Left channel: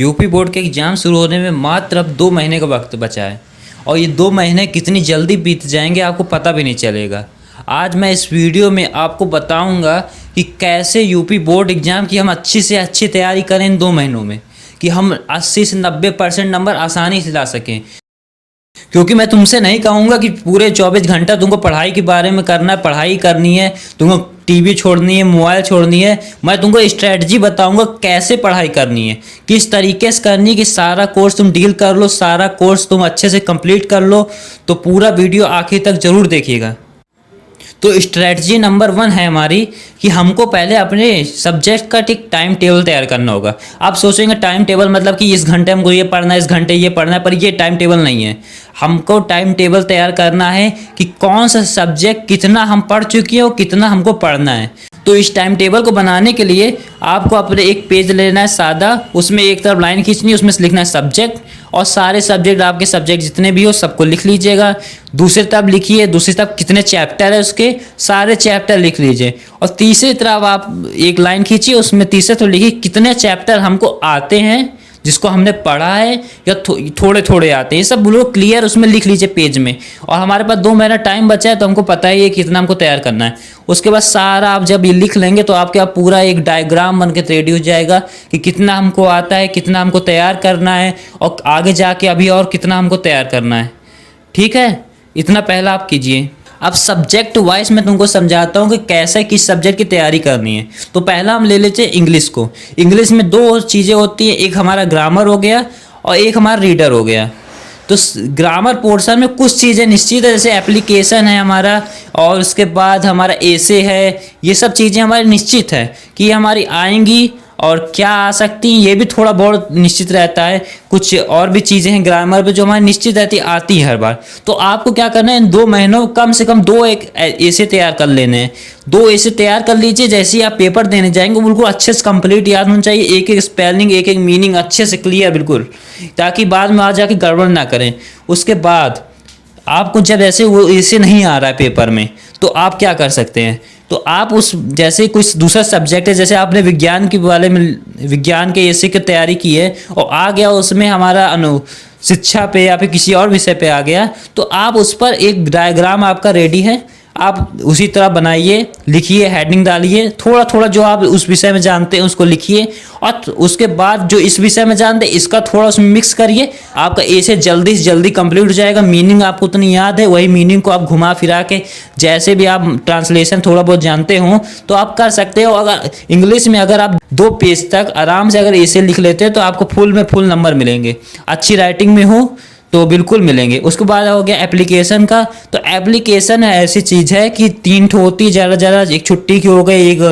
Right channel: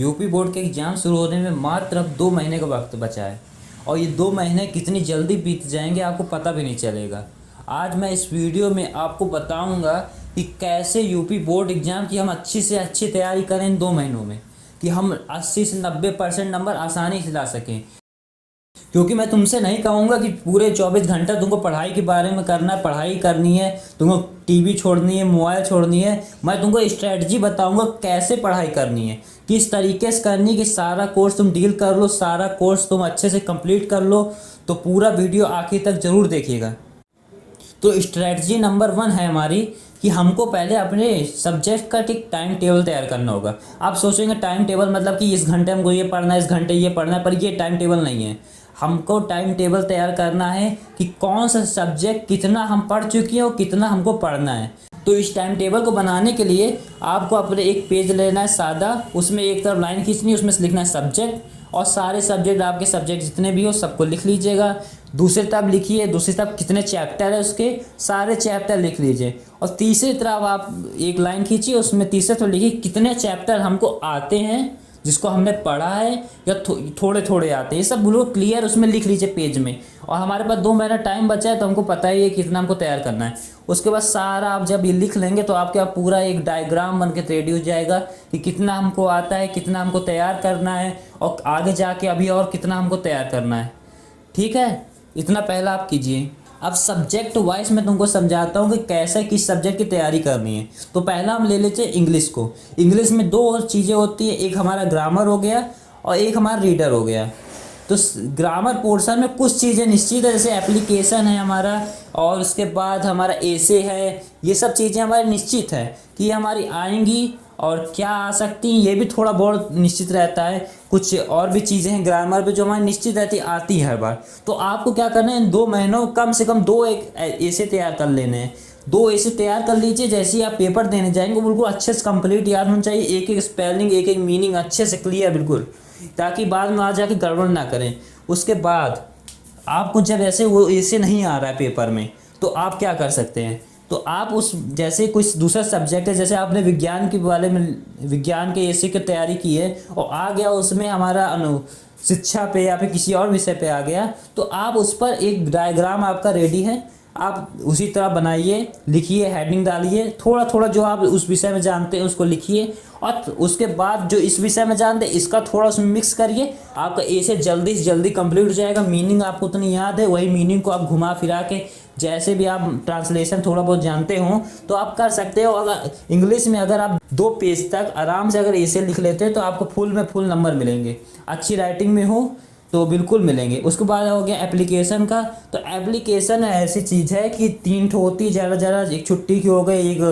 UP board के exam शुरू होने में मात्र अब 2 महीने का वक्त बचा है और ये 2 महीने कितनी जल्दी बीत जाएंगे आपको पता भी नहीं चलेगा। आज मैं इस वीडियो में आपको बताऊंगा कि कैसे यूपी बोर्ड एग्ज़ाम की हम अच्छी से अच्छी तैयारी करें इन 2 महीनों में, कि हम 80 से 90% नंबर आसानी से ला सकें। क्योंकि मैं तुमसे नहीं कहूँगा कि पूरे 24 घंटा तुमको पढ़ाई के बारे में करना है, पढ़ाई करनी है, तुमको टीवी छोड़नी है, मोबाइल छोड़नी है। मैं तुमको स्ट्रेटजी बताऊंगा कैसे पढ़ाई करनी है, किस तरीके से करनी है कि सारा कोर्स तुम डील कर लो, सारा कोर्स तुम अच्छे से कंप्लीट कर लो। तो पूरा वीडियो आखिर तक ज़रूर देखिएगा। तो स्ट्रेटजी नंबर 1 है हमारी कि हमको पहले अपने सब्जेक्ट का एक टाइम टेबल तैयार करना होगा। आप सोचेंगे टाइम टेबल मतलब कि इस घंटे हमको ये पढ़ना है, इस घंटे ये पढ़ना है, पर ये टाइम टेबल नहीं है। हमको टाइम टेबल तैयार करना है कि कौन सा सब्जेक्ट कितना हम पढ़ चुके हैं और कितना हमको पढ़ना है। तो इस टाइम टेबल को बनाने के लिए आपको अपने एक पेज लेना है सादा, उसमें एक तरफ लाइन खींचनी है, उसमें से लिखना है सब्जेक्ट, और सारे सब्जेक्ट आपके सब्जेक्ट जितने भी हो सबको लिख लीजिएगा। दूसरी तरफ लिखिए, दूसरी तरफ कितने चैप्टर है उसके सारे चैप्टर लिख लीजिए, और तीसरी तरफ आप एक लाइन खींचिए, उसमें तीसरे तरफ लिखिए कितने चैप्टर हमको आते हैं, जिसको हमने पढ़ा है या थोड़े थोड़े आते हैं। ये सब बोलो क्लियर उसमें लिख लीजिए पेज में। और हमारे पास 2 महीना टाइम बचा है तो हमको पता ही है कितना हमको तैयार करना है। उसके बाद सारा आप जब ये लिख लेंगे तो आपके आप पूरा एक डायग्राम बन के रेडी हो जाएगा कि कितना हमको आता है, कितना हमको तैयार करना है, और आगे जाके अभी और कितना हमको तैयार करना है। ठीक है, इतना पहला आप कीजिए। अब सब्जेक्ट वाइज मैं तुमको समझाता हूँ कि कैसे किस सब्जेक्ट की तैयारी करनी है। तो पहला हम ले लेते हैं इंग्लिश को। इंग्लिश में 2 चीज़ें होती हैं, एक हमारा ग्रामर हो गया और एक हमारा रीडर हो गया। तो ग्रामर पोर्शन में कुछ चीज़ें निश्चित है, जैसे एप्लीकेशन है हमारा, और उसके बाद हमारा एसे है। ये सब चीज़ें हमारी निश्चित है कि हमारी आएंगी, और क्या आ सकती हैं ये भी थोड़ा बहुत निश्चित रहता है। कुछ और भी चीज़ें हैं ग्रामर पे जो हमारी निश्चित रहती आती है हर बार। तो आपको क्या करना है, इन 2 महीनों कम से कम 2 एक ऐसे तैयार कर लेने हैं। 2 ऐसे तैयार कर लीजिए, जैसे ही आप पेपर देने जाएंगे बिल्कुल अच्छे से कंप्लीट याद होना चाहिए, एक एक स्पेलिंग एक एक मीनिंग अच्छे से क्लियर बिल्कुल, ताकि बाद में आ जाके गड़बड़ ना करें। उसके बाद आपको जब ऐसे वो ऐसे नहीं आ रहा है पेपर में, तो आप क्या कर सकते हैं, तो आप उस जैसे कुछ दूसरा सब्जेक्ट है, जैसे आपने विज्ञान के बारे में विज्ञान के ऐसे की तैयारी की है और आ गया उसमें हमारा शिक्षा पे या फिर किसी और विषय पे आ गया, तो आप उस पर एक डायग्राम आपका रेडी है, आप उसी तरह बनाइए, लिखिए, हेडिंग डालिए, थोड़ा थोड़ा जो आप उस विषय में जानते हैं उसको लिखिए, और उसके बाद जो इस विषय में जानते हैं इसका थोड़ा उसमें मिक्स करिए। आपका ए से जल्दी कंप्लीट हो जाएगा। मीनिंग आपको उतनी याद है, वही मीनिंग को आप घुमा फिरा के जैसे भी आप ट्रांसलेशन थोड़ा बहुत जानते हो तो आप कर सकते हो। अगर इंग्लिश में अगर आप 2 पेज तक आराम से अगर ऐसे लिख लेते हैं तो आपको फुल नंबर मिलेंगे। अच्छी राइटिंग में हो तो बिल्कुल मिलेंगे। उसके बाद हो गया एप्लीकेशन का। तो एप्लीकेशन ऐसी चीज़ है कि 3 ठो होती है ज़्यादा, एक छुट्टी की हो गई, एक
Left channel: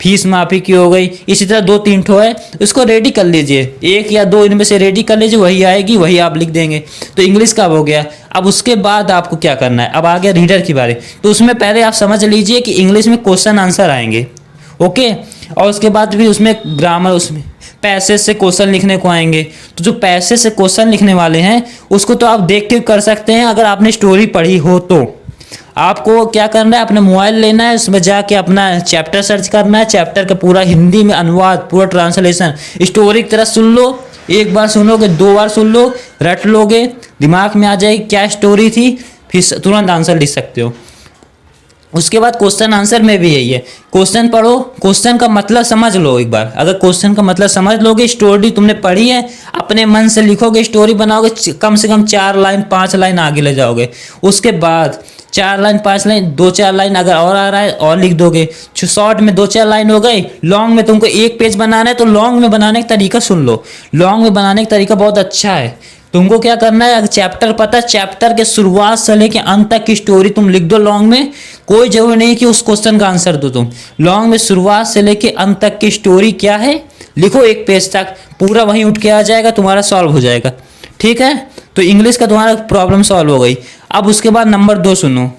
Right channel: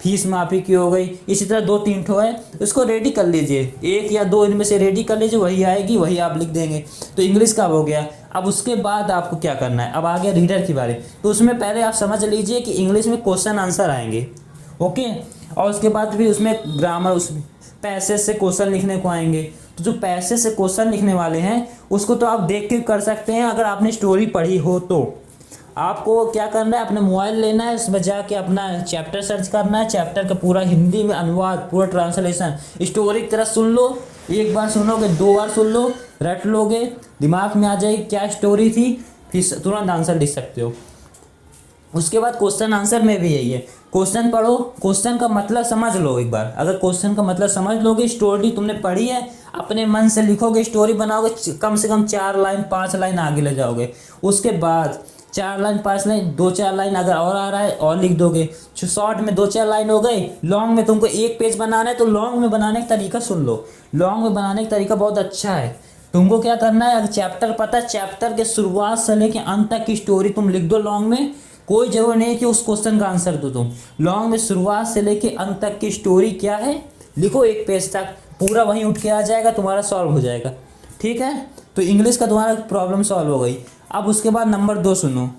फीस माफ़ी की हो गई, इसी तरह 2-3 ठो है। इसको रेडी कर लीजिए, 1 या 2 इनमें से रेडी कर लीजिए, वही आएगी वही आप लिख देंगे। तो इंग्लिश का हो गया। अब उसके बाद आपको क्या करना है, अब आ गया रीडर की बारी। तो उसमें पहले आप समझ लीजिए कि इंग्लिश में क्वेश्चन आंसर आएंगे, ओके, और उसके बाद फिर उसमें ग्रामर, उसमें पैसेज से क्वेश्चन लिखने को आएंगे। तो जो पैसेज से क्वेश्चन लिखने वाले हैं उसको तो आप देख के कर सकते हैं। अगर आपने स्टोरी पढ़ी हो तो आपको क्या करना है, अपना मोबाइल लेना है, उसमें जाके अपना चैप्टर सर्च करना है, चैप्टर का पूरा हिंदी में अनुवाद, पूरा ट्रांसलेशन स्टोरी की तरह सुन लो। एक बार सुनोगे, 2 बार सुन लो, रट लोगे, दिमाग में आ जाएगी क्या स्टोरी थी, फिर तुरंत आंसर लिख सकते हो। उसके बाद क्वेश्चन आंसर में भी यही है, क्वेश्चन पढ़ो, क्वेश्चन का मतलब समझ लो एक बार। अगर क्वेश्चन का मतलब समझ लोगे, स्टोरी तुमने पढ़ी है, अपने मन से लिखोगे, स्टोरी बनाओगे, कम से कम 4 लाइन 5 लाइन आगे ले जाओगे। उसके बाद 4 लाइन 5 लाइन 2-4 लाइन अगर और आ रहा है और लिख दोगे। शॉर्ट में 2-4 लाइन हो गई। लॉन्ग में तुमको 1 पेज बनाना है तो लॉन्ग में बनाने का तरीका सुन लो। लॉन्ग में बनाने का तरीका बहुत अच्छा है। तुमको क्या करना है, अगर चैप्टर पता है, चैप्टर के शुरुआत से लेके अंत तक की स्टोरी तुम लिख दो लॉन्ग में। कोई जरूरी नहीं कि उस क्वेश्चन का आंसर दो तुम। लॉन्ग में शुरुआत से लेके अंत तक की स्टोरी क्या है लिखो, 1 पेज तक पूरा वहीं उठ के आ जाएगा, तुम्हारा सॉल्व हो जाएगा। ठीक है, तो इंग्लिश का तुम्हारा प्रॉब्लम सॉल्व हो गई। अब उसके बाद नंबर 2 सुनो।